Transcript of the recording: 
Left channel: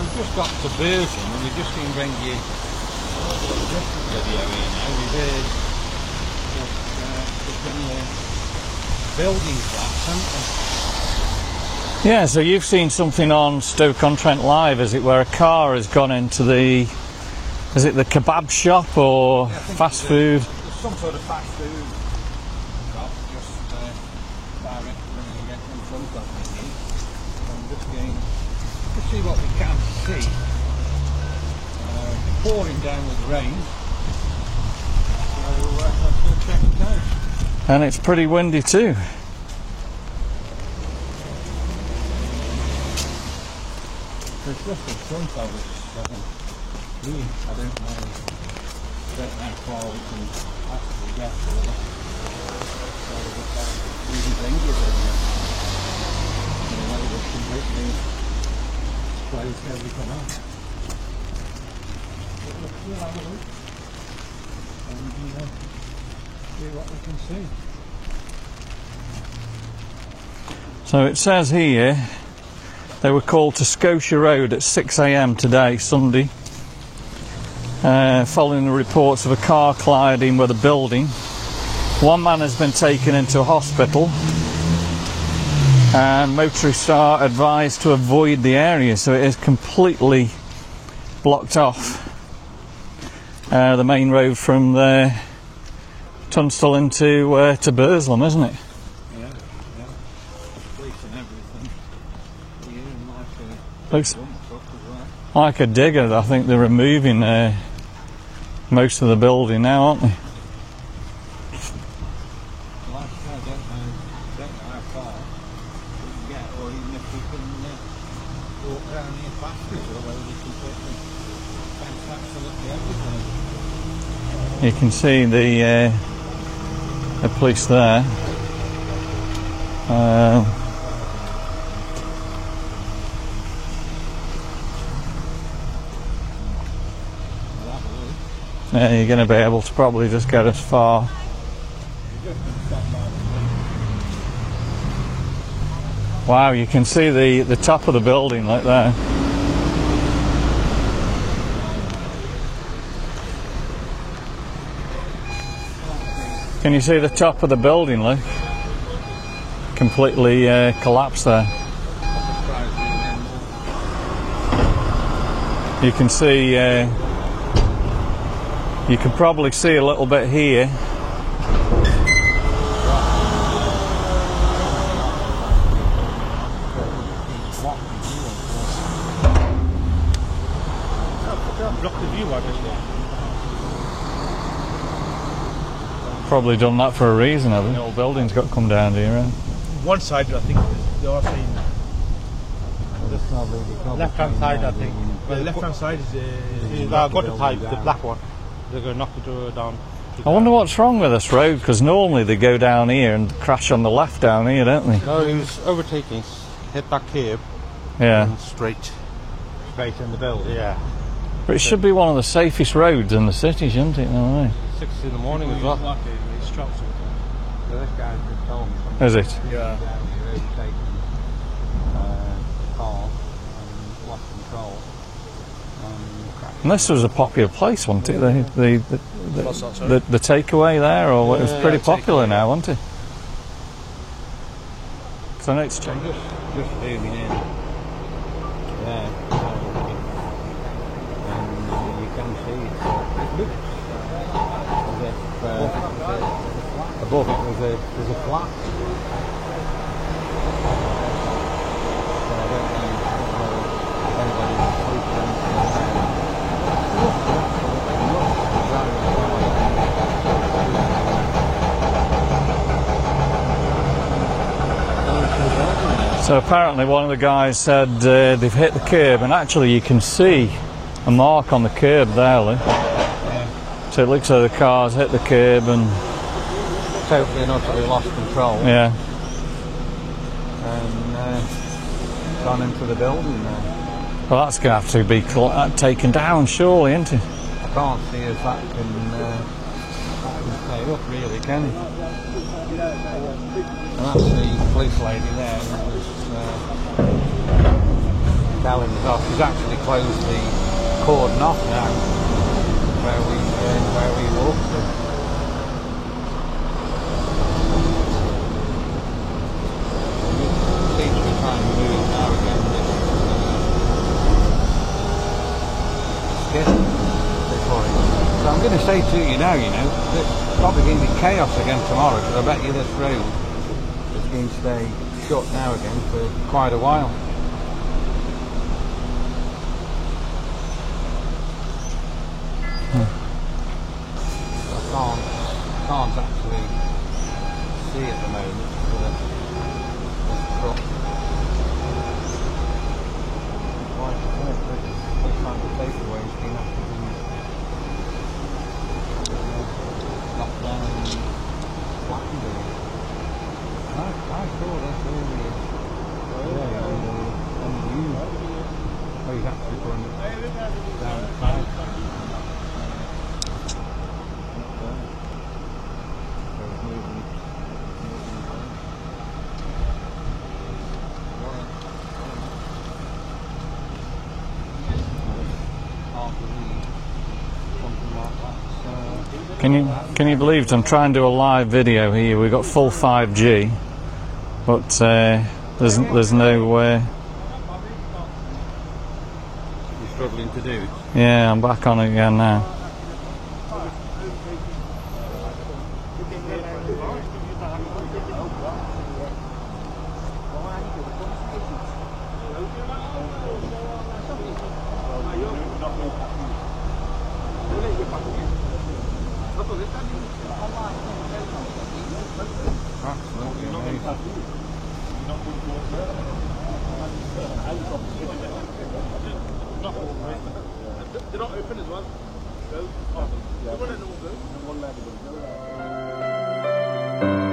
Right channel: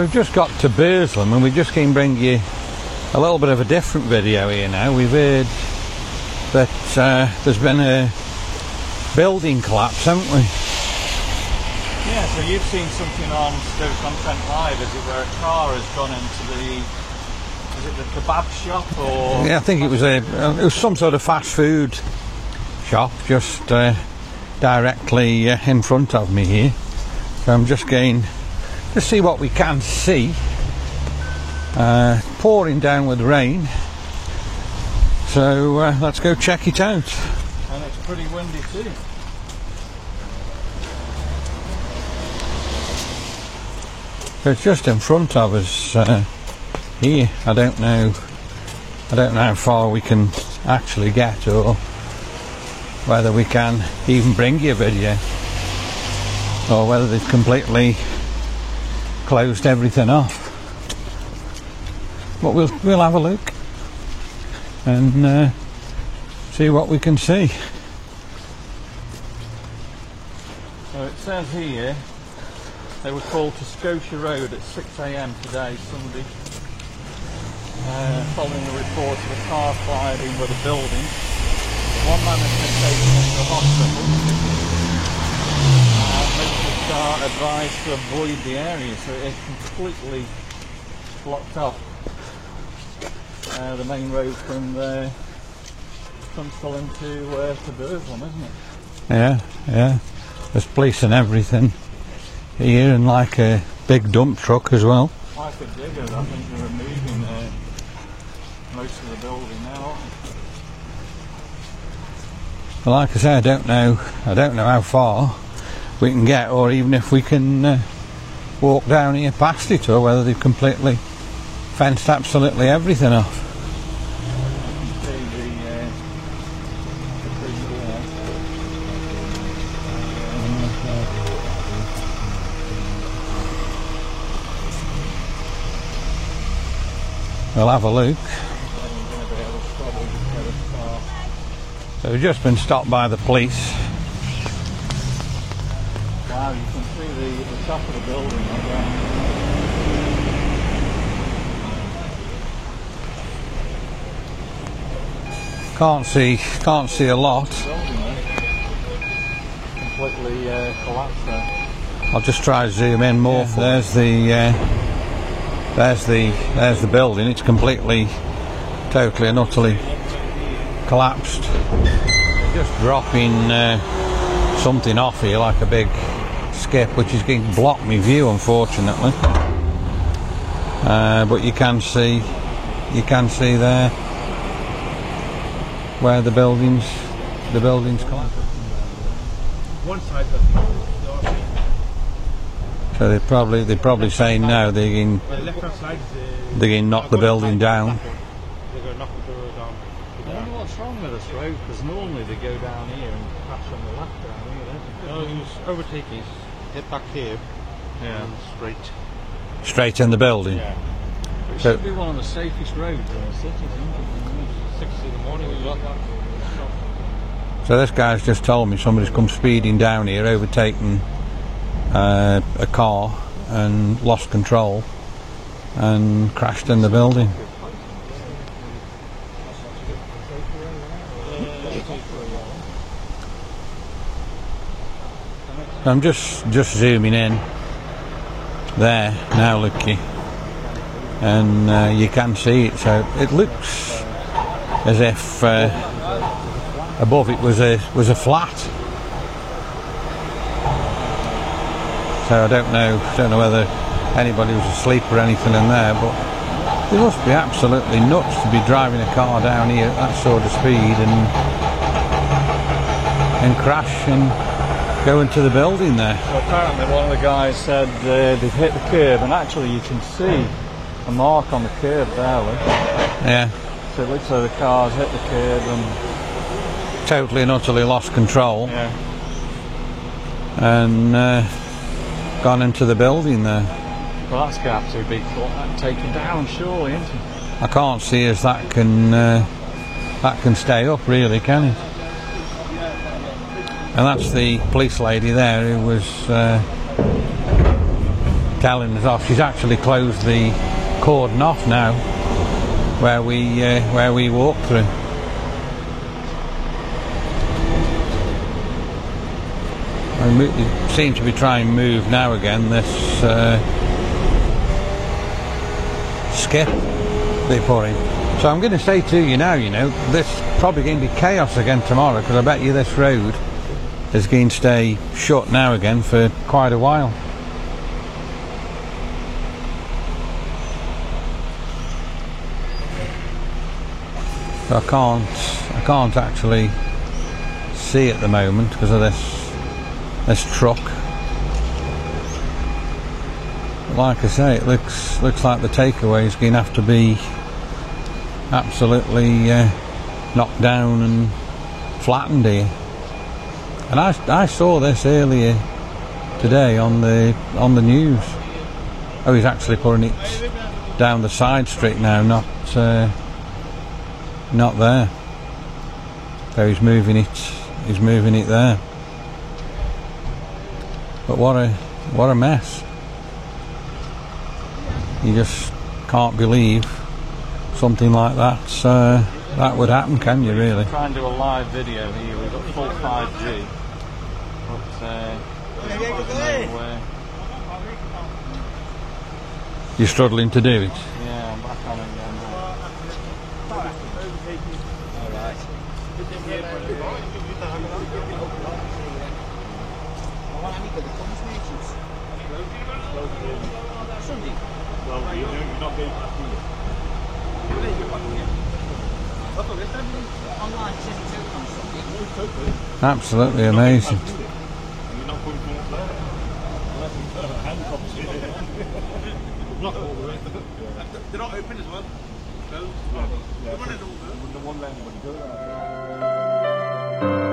We've just got to Burslem and we just can bring you a little bit of a different video here now. We've heard that there's been a building collapse, haven't we? Yeah, so you've seen something on Stoke-on-Trent Live, as it were. A car has gone into the, is it the kebab shop or yeah, I think fast it was some sort of fast food shop just directly in front of me here. So I'm just going to see what we can see. Pouring down with rain, so let's go check it out. And it's pretty windy too. So it's just in front of us here. I don't know how far we can actually get, or whether we can even bring you a video, or whether they've completely closed everything off. But we'll have a look and see what we can see. So it says here they were called to Scotia Road at 6 AM today, Sunday, following the reports of a car colliding with a building. One man has been taken into a hospital, and motorists are advised to avoid the area, so it is completely blocked off. The main road from Tunstall into to Burslem, isn't it? Yeah. There's police and everything here, and like a big dump truck as well. Like a digger. I think they're removing most of the building now, aren't they? Well, like I say, I don't know how far we can get, or even if we can walk down here past it, or whether they've completely fenced absolutely everything off. You can see the police there. We'll have a look. Yeah, you're going to be able to probably just get as far. So we've just been stopped by the police. Wow, you can see the top of the building like that. Can't see. Can you see the top lot. of the building, like completely collapsed there? I'll just try to zoom in more. There's the building. It's completely. You can probably see a little bit here. Collapsed. Just dropping something off here, like a big skip, which is going to block my view, unfortunately. But you can see there where the probably building's done that for a reason. The building's got to come down here. Right? One side, I think, the other side. So they're probably saying no. They're going The left-hand side is they're going to knock the building down. They're going to knock it down. I wonder what's wrong with this road, because normally they go down here and crash on the left down here, don't they? No, he was overtaking, hit that curb. Yeah. And straight in the building. Yeah. But it should be one of the safest roads in the city, shouldn't it? No way. 6 in the morning as well. So this guy's just told me somebody's come speeding down here, overtaken a car and lost control and crashed in the building. This was a popular place, wasn't it? The takeaway there, or it was pretty popular now, wasn't it? So next, I'm just zooming in there now, looky, and you can see it. So it looks as if above it was a flat. So I don't know whether anybody was asleep or anything in there, but it must be absolutely nuts to be driving a car down here at that sort of speed and crash and go into the building there. So apparently one of the guys said they've hit the curb, and actually you can see a mark on the curb there, Lee. Yeah. So it looks like the car's hit the curb and totally and utterly lost control. Yeah. And gone into the building there. Well, that's going to have to be taken down, surely, isn't it? I can't see as that can stay up, really, can it? And that's the police lady there who was telling us off. She's actually closed the cordon off now where we walk through. And it seems to be trying to move now again, this skip they put in. So I'm going to say to you now, this probably going to be chaos again tomorrow, because I bet you this road is going to stay shut now again for quite a while. So I can't actually see at the moment because of this truck. Like I say, it looks like the takeaway is going to have to be absolutely knocked down and flattened here. And I saw this earlier today on the news. Oh, he's actually putting it down the side street now, not there. So he's moving it there. But what a mess. You just can't believe something like that would happen. Can you believe really? I'm trying to do a live video here. We've got full 5G, but there's no way. You're struggling to do it. Yeah, I'm back on it again now. Absolutely amazing. They're not open as well. No. They're running all good. The one left would go.